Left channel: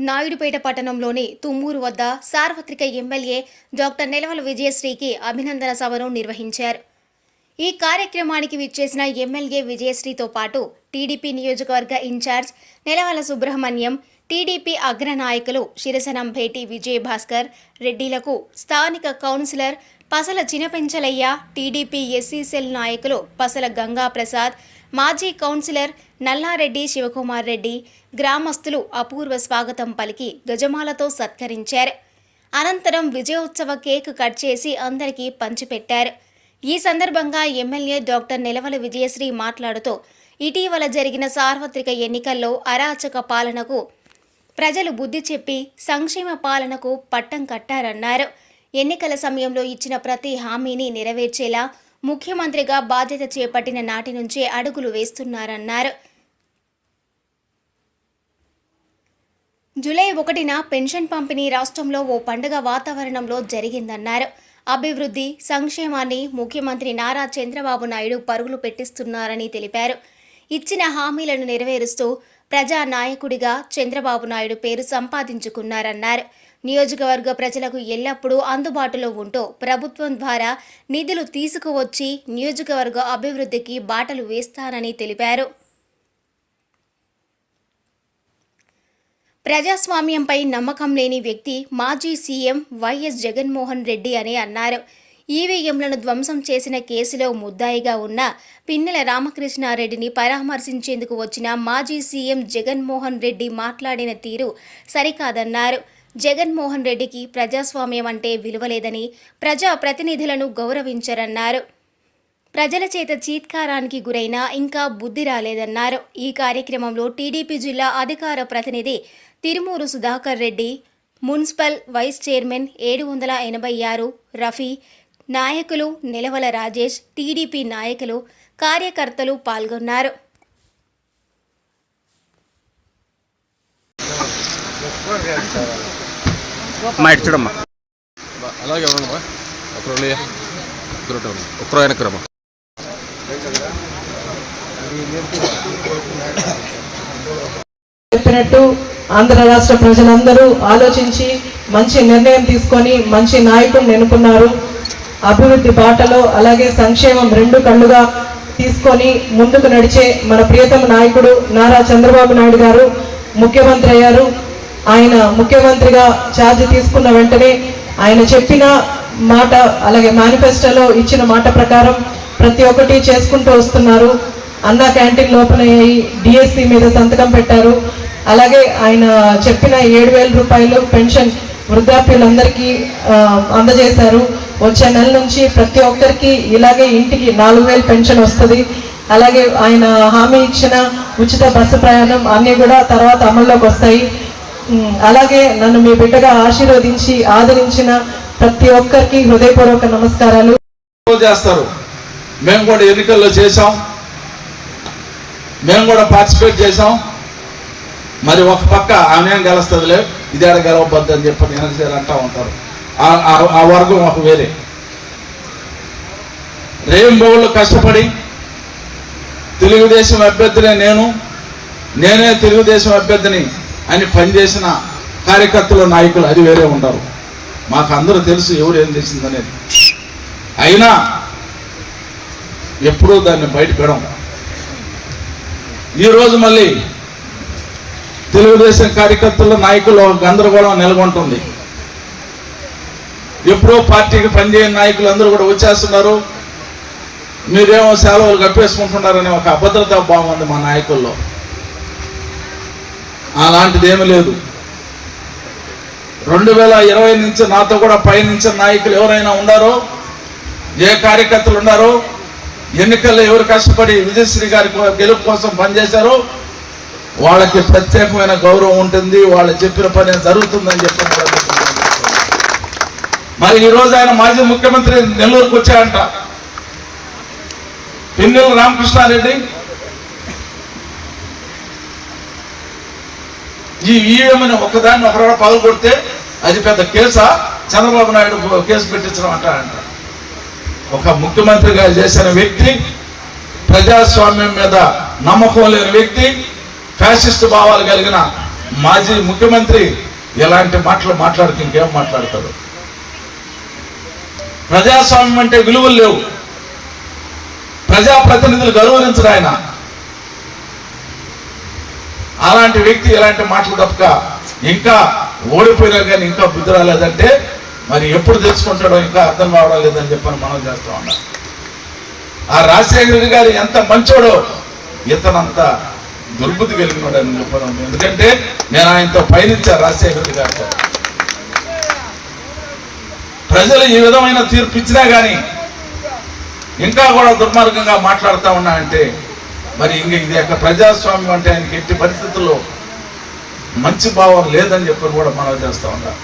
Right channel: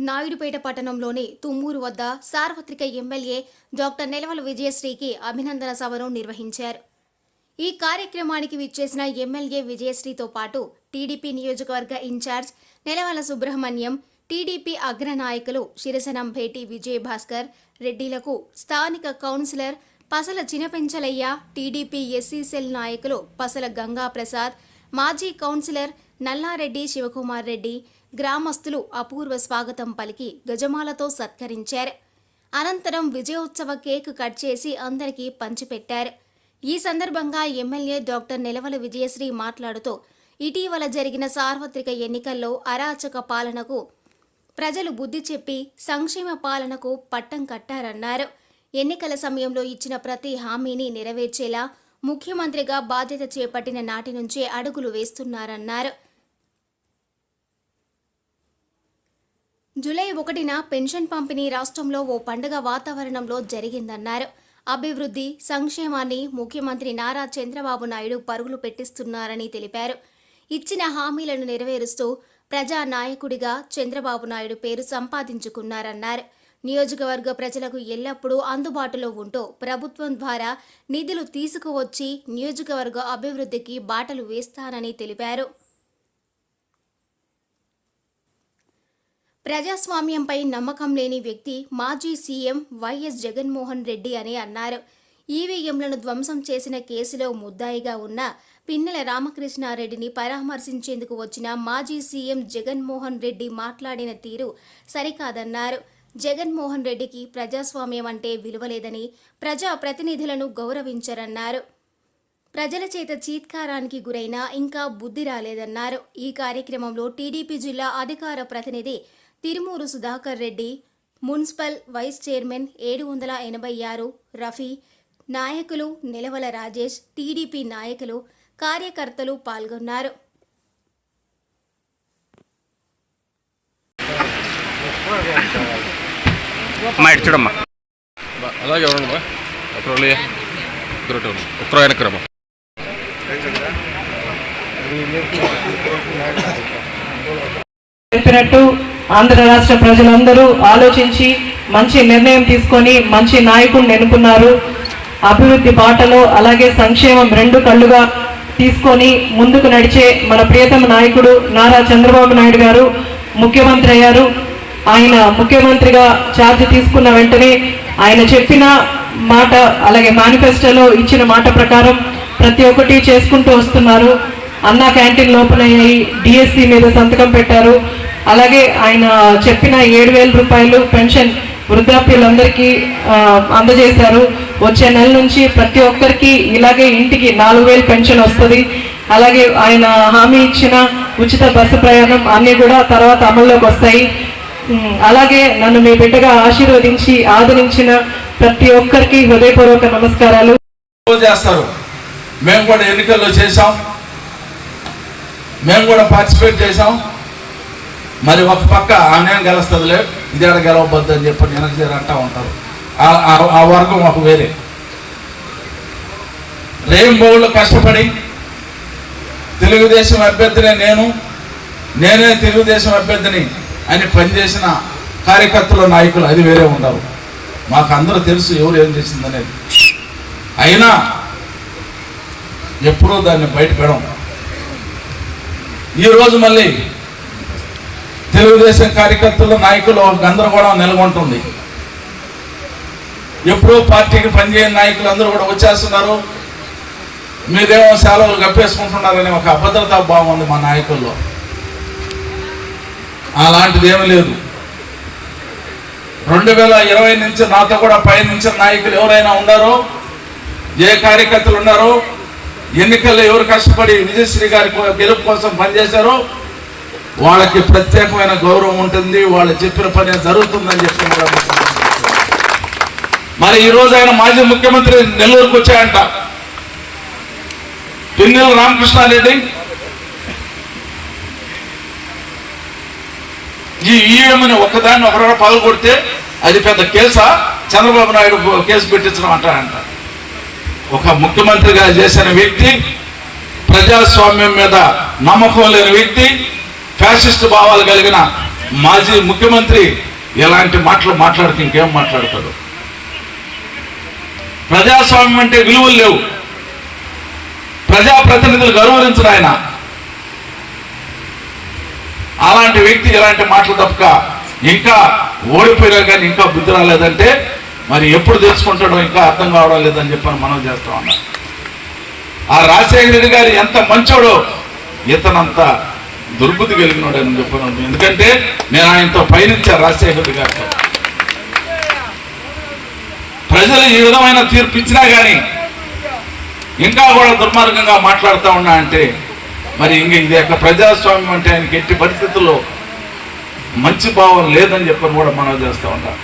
నాయుడుపేట పట్టణంలోని తుమ్మూరు వద్ద సార్వత్రిక ఎమ్మెల్యే డాక్టర్ నెలవల విజయశ్రీకి అభినందన సభను నిర్వహించారు. ఈ కార్యక్రమానికి విచ్చేసిన ఎమ్మెల్యే విజయశ్రీతో పాటు టీడీపీ నియోజకవర్గ ఇన్ఛార్జ్ నెలవల సుబ్రహ్మణ్యం టీడీపీ అగ్రనాయకులు శిరసనం భేటీ భాస్కర్ రెడ్డిలకు స్థానిక councillor Pasala Chinapenchalaiah TDP SC cell నాయకులు పసల గంగా ప్రసాద్ మాజీ కౌన్సిలర్ నల్లారెడ్డి శివకుమార్ రెడ్డి గ్రామస్తులు అపూర్వ స్వాగతం పలికి గజమాలతో సత్కరించారు. అనంతరం విజయోత్సవ కేక్ కట్ చేసి అందరికీ పంచిపెట్టారు. ఈ సందర్భంగా ఎమ్మెల్యే డాక్టర్ నిలవల విజయశ్రీ మాట్లాడుతూ ఇటీవల జరిగిన సార్వత్రిక ఎన్నికల్లో అరాచక పాలనకు ప్రజలు బుద్ధి చెప్పి సంక్షేమ పాలనకు పట్టం కట్టారన్నారు. ఎన్నికల సమయంలో ఇచ్చిన ప్రతి హామీని నెరవేర్చేలా ముఖ్యమంత్రిగా బాధ్యత చేపట్టిన నాటి నుంచే అడుగులు వేస్తున్నారన్నారు. జూలై ఒకటిన పెన్షన్ పంపిణీ రాష్ట్రంలో ఓ పండుగ వాతావరణంలో జరిగిందన్నారు. అభివృద్ధి సంక్షేమాన్ని ముఖ్యమంత్రి నారా చంద్రబాబు నాయుడు పరుగులు పెట్టిస్తున్నారని తెలిపారు. ఇచ్చిన హామీలను నెరవేరుస్తూ ప్రజా నాయకుడిగా చంద్రబాబు నాయుడు పేరు సంపాదించుకున్నారన్నారు. నియోజకవర్గ ప్రజలకు ఎల్లప్పుడూ అందుబాటులో ఉంటూ ప్రభుత్వం ద్వారా నిధులు తీసుకువచ్చి నియోజకవర్గ అభివృద్ధికి బాటలు వేస్తానని తెలిపారు. ప్రజాస్వామ్యంపై నమ్మకం లేని వ్యక్తి మాజీ సీఎం వైఎస్ జగన్మోహన్ రెడ్డి అని అన్నారు. ఈవీఎంలను ధ్వంసం చేసిన కేసులో ముద్దాయిగా ఉన్న పిన్నెల రామకృష్ణారెడ్డిని పరామర్శించేందుకు వచ్చిన మాజీ సీఎం జగన్మోహన్ రెడ్డి మాట్లాడిన తీరు సరికాదన్నారు. జగన్మోహన్ రెడ్డికి ప్రజాస్వామ్యం అంటే విలువలేదని ప్రజా ప్రతినిధులను గౌరవించరన్నారు. ప్రజల చేత చీత్కారానికి గురైన ఇంకా బుద్ధి రాలేదన్నారు. ఈ కార్యక్రమంలో టీడీపీ జిల్లా అధికార ప్రతినిధి Tirumuru Sudhakar Reddy municipal vice chairman ఏడు వందల ఎనభై ఆరు రఫీ నాయకులు నిలవల రాజేష్ టీడీపీ నాయకులు కార్యకర్తలు పాల్గొన్నారు. చూడమ్మా. అలాగే ఒకరు వెనకరమ్మా చెప్పినట్టు ఆంధ్ర రాష్ట్ర ప్రజలందరూ ఆలోచించి మంచి నిర్ణయం తీసుకొని మంచి నాయకుడిని ఎన్నుకున్నారు. అభివృద్ధి బాటలో అలాగే సంక్షేమం రెండు కళ్ళుగా తీసుకొని ముందుకు నడిచే మన ప్రియతమ నాయకుడు నారా చంద్రబాబు నాయుడు గారు ముఖ్యమంత్రి అయ్యారు. ఆయన ముఖ్యమంత్రిగా ఛార్జ్ తీసుకున్న వెంటనే ఆయన చెప్పిన మాట అలాగే మేనిఫెస్టోలో ఇచ్చిన మాట ప్రకారం ప్రతి ఒక్కటి చేసుకుంటూ వస్తున్నారు. అన్నా క్యాంటీన్ ఓపెన్ అయ్యాయి డిఎస్సి మీద సంతకం పెట్టారు. అలాగే ఆయన చెప్పిన ఏడు వేల రూపాయలు పెన్షన్ వృద్ధాప్యులందరికీ అందజేశారు. వచ్చే నెల నుంచి ప్రతి ఒక్కరికి ఇలాగే ఇంటికి నాలుగు వేలు పెన్షన్ వస్తుంది. అలాగే ఆయన హామీ ఇచ్చిన ఉచిత బస్సు ప్రయాణం అన్నీ కూడా తర్వాత అమల్లోకి వస్తాయి. అలాగే నన్ను మీ బిడ్డగా ఆశీర్వదించి ఆదరించిన ప్రతి ఒక్కరికి హృదయపూర్వక నమస్కారాలు. చేస్తారు. మేము కూడా ఎన్నికల్లో చేసాం మేము కూడా పార్టిసిపేట్ చేసాం మరి ఒక పక్క ఆమెం గెలుస్తుందిలే ఇది ఆడ గెలవబద్దు అని చెప్పి ఎనర్జీలు అంటూ ఉంటారు. ఆ- ఆ- వర్గం ఒక వేరే. రేంబోళ్ళు కష్టపడి తెలుగుదేశం అభ్యర్థినే నేను నేనే తెలుగుదేశం అభ్యర్థిని అని పనిచేసిన కార్యకర్తలు నాయకులు అది వేరే ఉంటారు. మాకు అందరూ తెలుసు ఎవరు ఏం చేసిందనేది. అయినా ఎప్పుడూ దాన్ని బయట పెడం ఈరోజు మళ్ళీ తెలుగుదేశం కార్యకర్తల నాయకులు గందరగోళం నెలకొంటుంది. ఎప్పుడో పార్టీకి పనిచేయని నాయకులు అందరూ కూడా వచ్చేస్తున్నారు. మీరేమో సెలవులు కప్పేసుకుంటున్నారనే ఒక అభద్రతా భావం ఉంది మా నాయకుల్లో. అలాంటిది ఏమీ లేదు. రెండు వేల ఇరవై నుంచి నాతో కూడా పయనించిన నాయకులు ఎవరైనా ఉన్నారో ఏ కార్యకర్తలు ఉన్నారో ఎన్నికల్లో ఎవరు కష్టపడి విజయశ్రీ గారి గెలుపు కోసం పనిచేశారో వాళ్ళకి ప్రత్యేకమైన గౌరవం ఉంటుంది వాళ్ళు చెప్పిన పని జరుగుతుందని చెప్పి మరి ఈ రోజు ఆయన మాజీ ముఖ్యమంత్రి నెల్లూరుకు వచ్చాయంట పిన్నెల రామకృష్ణారెడ్డి. ఈ ఈఎంని ఒకదాన్ని ఒకరు పగలు కొడితే అది పెద్ద కేసా? చంద్రబాబు నాయుడు కేసు పెట్టించడం అంటాడంట. ఒక ముఖ్యమంత్రిగా చేసిన వ్యక్తి ప్రజాస్వామ్యం మీద నమ్మకం లేని వ్యక్తి ఫ్యాసిస్ట్ భావాలు కలిగిన మాజీ ముఖ్యమంత్రి ఎలాంటి మాటలు మాట్లాడితే ఇంకేం మాట్లాడతాడు? ప్రజాస్వామ్యం అంటే విలువలు లేవు. ప్రజాప్రతినిధులు గౌరవించడు ఆయన. అలాంటి వ్యక్తి ఎలాంటి మాటలు తప్పక ఇంకా ఓడిపోయినా కానీ ఇంకా బుద్ధి రాలేదంటే మరి ఎప్పుడు తెలుసుకుంటాడో ఇంకా అర్థం కావడం లేదని చెప్పని మనం చేస్తా ఉన్నాం. ఆ రాజశేఖర రెడ్డి గారు ఎంత మంచోడో ఇతనంత దుర్బుద్ధి కలిగినాడు అని చెప్పాను ఎందుకంటే నేను ఆయనతో పయనించా రాజశేఖర్ గారితో. ప్రజలు ఈ విధమైన తీర్పు ఇచ్చినా కానీ ఇంకా కూడా దుర్మార్గంగా మాట్లాడుతూ ఉన్నా అంటే మరి ఇంక ఇది యొక్క ప్రజాస్వామ్యం అంటే ఆయనకి ఎట్టి పరిస్థితుల్లో మంచి భావం లేదని చెప్పి కూడా మనం చేస్తూ ఉంటాం.